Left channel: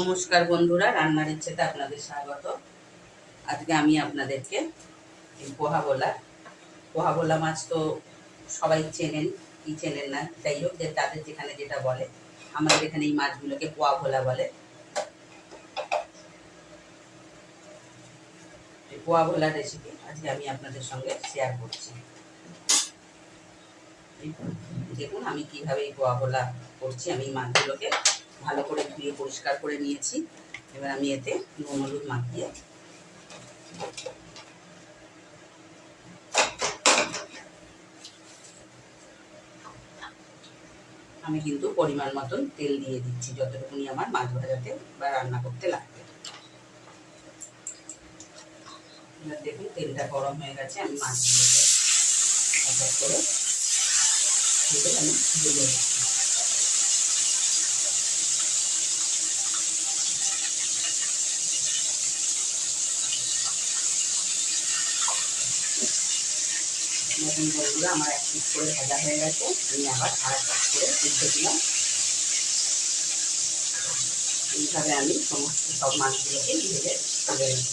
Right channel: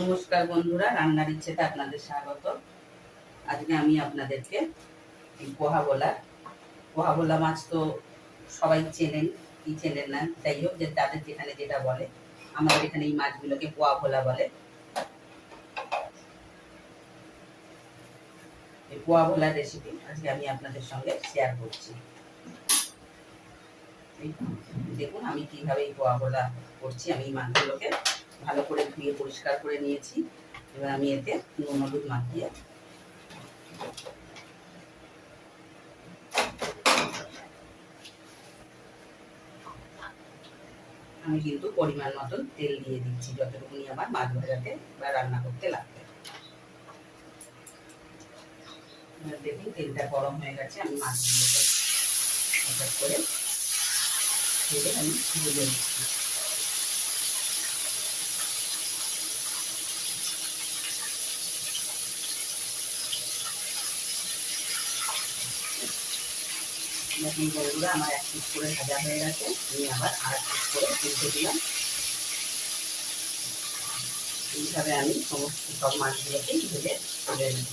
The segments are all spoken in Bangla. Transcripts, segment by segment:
নমস্কার বন্ধুরা, রান্নার ইচ্ছেতে আপনাদের স্বাগত। আজকে আমি আপনাদেরকে এই পোহা ভোলা মাছ তো সবাই চেনেন কি চেনেন না, যাই হোক, যে তাদের যেখানে যেটা বলে, আমাদের এখানে এই মাছগুলোকে পোয়া ভোলা বলে। এই পোয়া ভোলার রেসিপি আজকে আমি আপনাদের সঙ্গে শেয়ার করছি। দেখুন আমি কিভাবে এই পোয়া ভোলা করছি। আমি মাছগুলোকে ভালো করে ধুয়ে পরিষ্কার করে নিয়েছি। এবার আমি এতে নুন হলুদ মাখিয়ে আমি কিন্তু পরিমাণ মতন তেল দিয়ে দিচ্ছি, যতটুকুনি আমার মাছ ভাজাতে বা রান্না করতে লাগবে। এবার দেখুন তেলটা গরম হয়ে গেছে। আমি মাছগুলোকে এক এক করে তেলে আমি ভেজে নিচ্ছি। দেখুন বন্ধুরা, আমার এক পিস করে ভাজা হয়ে গেছে। আমি আবার আর এক পিস করে উল্টে দিলাম। এইভাবে আমি সমস্ত সব মাছগুলোকে ভেজে তুলে নিই।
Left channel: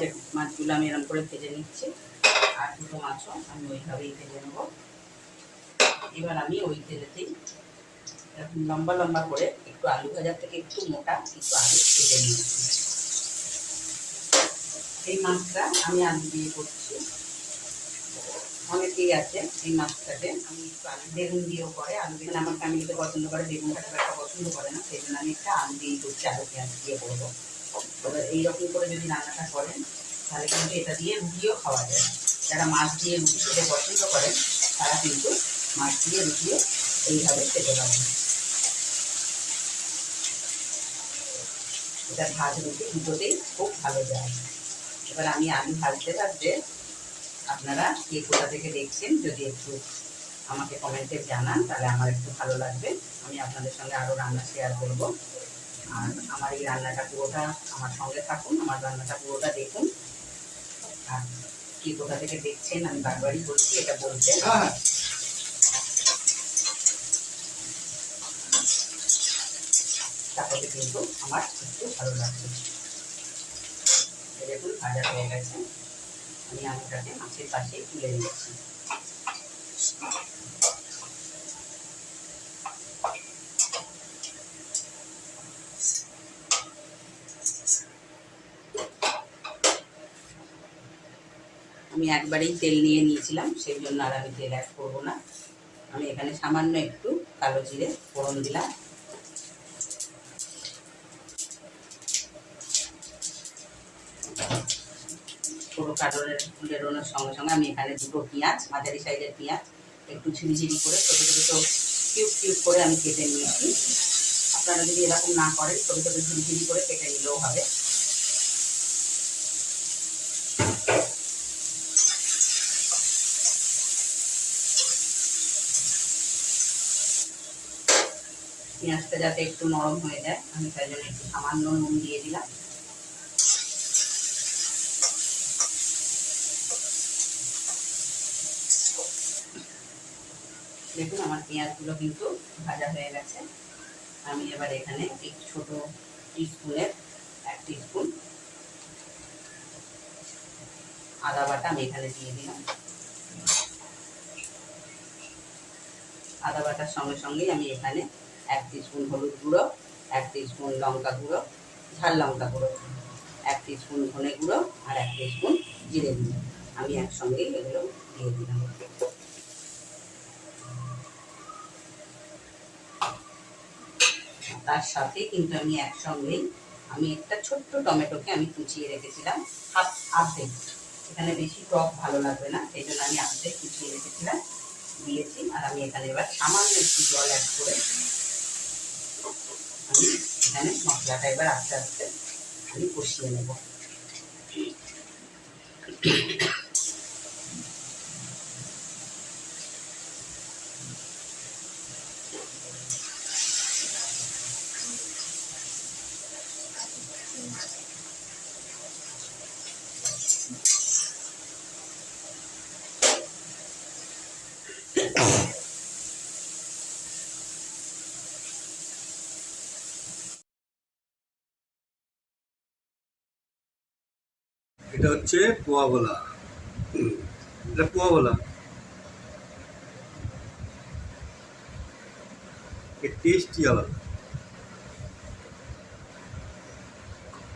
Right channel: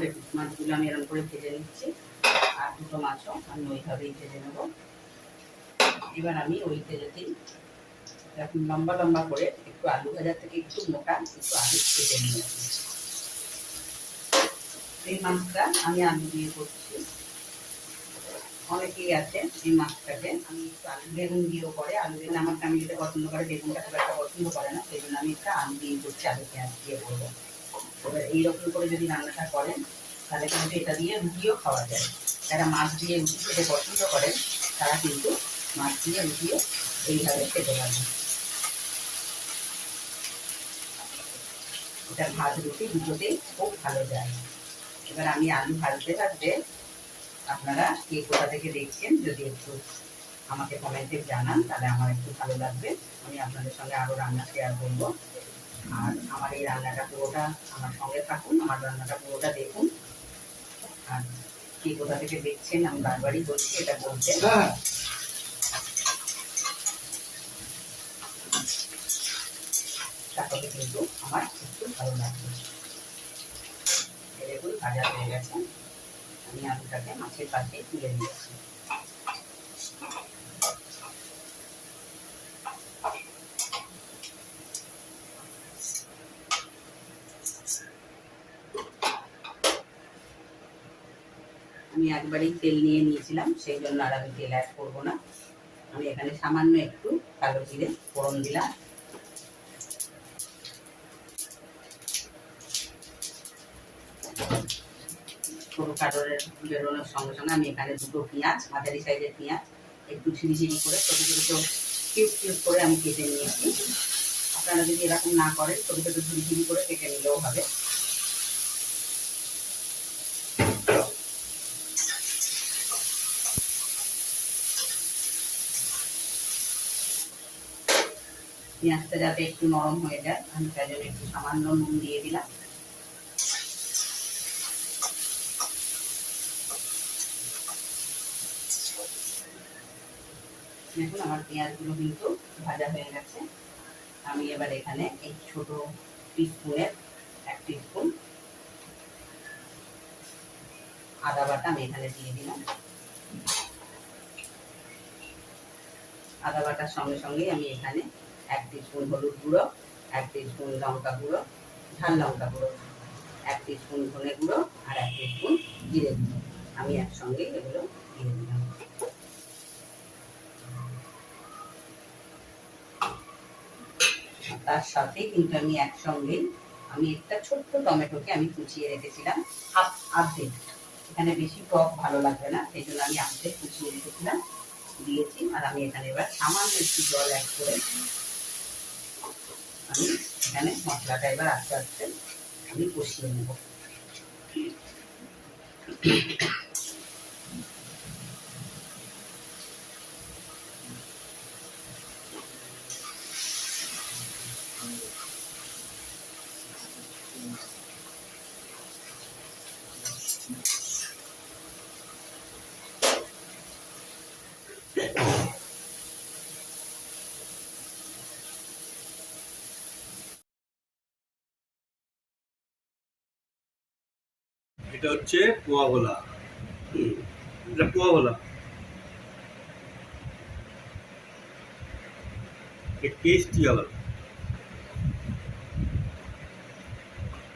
দেখুন মাছগুলো আমি এরকম করে ভেজে নিচ্ছি। আর দুটো মাছও আমি ওইভাবেই ভেজে নেব। এবার আমি ওই তেলেতেই এখন লম্বা লম্বা করে একটু আলু ভাজার থেকে একটু মোটা একটু আলু ভেজে নিয়েছি। এই মাছটা আমি আলু দিয়ে করছি। অনেকেই আছে এই মাছটাকে আমি একটু আলু বেগুন দিয়েও করে। আলু বেগুন আমার ফ্যামিলিতে পছন্দ করে, বেগুনটা খুব একটা পছন্দ করে না, সেই জন্য আমি একটা আলু দিয়েই করছি, আলু পেঁয়াজ দিয়ে করবো। এবার এইরকম করে যদি রান্নাটা করেন তাহলে কিন্তু এটা দিয়ে রুটিও খাওয়া যায়। যারা মাছ দিয়ে রুটি খেতে পছন্দ করেন তারা কিন্তু মাছ দিয়ে রুটিও এইভাবে খেতে পারেন। এটা ভাত রুটি দুটোতেই খুব ভালো যায়। এবার আমি আলু ভাজতে ভাজতে আপনারা কে কোথা থেকে দেখছেন যদি একটু আমাকে কমেন্টে জানান, তাহলে আমার একটু ভালো লাগবে। আমি আপনাদের সঙ্গে আরও রান্না শেয়ার করব। আর আমার এই রান্নাটা পুরোটা আমার সঙ্গে থাকুন, আমার রান্নাটা পুরোটা দেখুন। আর কে কোথা থেকে দেখছেন আমি বারবারই বলছি এটা বলতে। তাহলে কিন্তু আমার একটু ভালো লাগবে। দেখুন ভাজা হয়ে গেছে। আমি আলুটাকে মাছের পাশে তুলে নিচ্ছি। আমি একবারেই তেল নিয়ে নিয়েছিলাম, সেই জন্য আর আমি তেল অ্যাড করবো না। আমি এখানে সামান্য একটু কালো জিরে ফোড়ন দিলাম। পুরো কাটরের বেরোনোর সঙ্গে সঙ্গে আমি এখানে দুটো পেঁয়াজ, মাঝারি সাইজের পেঁয়াজ, একটু ঝিরিঝিরি করে ছোটো ছোটো কিউব কিউব করে আমি কেটে নিয়েছি। আপনারা যদি এরকম না করেন ছোটো ছোটো ঝিরিঝিরি করে কেটে নিলেও হবে। পেঁয়াজটা যাতে একটু নরম হয়ে যায় আমি তার জন্য একটু সামান্য নুন দিয়ে দিলাম। দেখুন আমার পেঁয়াজগুলো কিন্তু ভাজা হয়ে গেছে। আমি এবার এখানে এই ছোটো টিস্পুনের 1 টিস্পুন আদা বাটা আমি এখানে দিয়ে দিলাম। আদা বাটার সঙ্গে সঙ্গেই আমি এখানে 1 টিস্পুন হলুদ গুঁড়ো, 1 টিস্পুন লঙ্কা গুঁড়ো, ঝাল লঙ্কা গুঁড়ো, 1 টিস্পুন ধনে গুঁড়ো আর 1 টিস্পুন জিরে গুঁড়ো আমি একসঙ্গেই এগুলো দিয়ে দিলাম। তার সাথে কিন্তু আমি একসঙ্গেই আমি একটা ছোট্ট টমেটোকে আমি কুচিয়ে রেখেছিলাম অর্ধেক। এখানে বেশি টক ভালো লাগবে না, সেই জন্য আমি অর্ধেক কুচিয়ে রেখেছিলাম দিয়েছি। আর আমি এখানে এবার সামান্য একটু জল অ্যাড করে আমি এখানে মশলাটা এবার আস্তে আস্তে আমি কষিয়ে নেব। এটা হচ্ছে পোয়া গোলা। এটা পোয়া গোলা, এর টেস্টই আলাদা,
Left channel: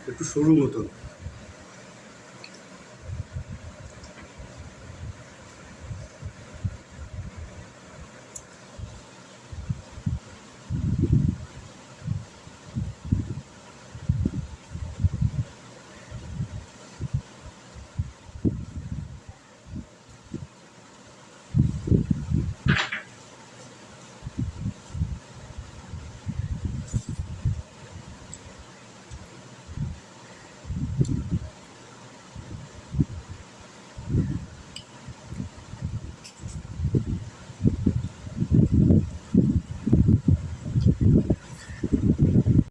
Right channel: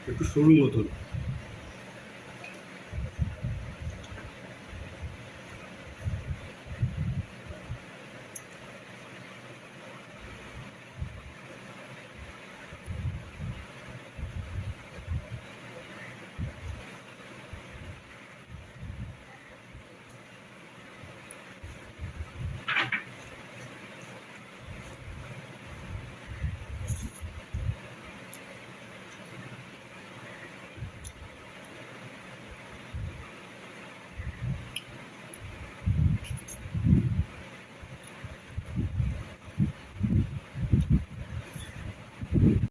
একটু সরু মতন।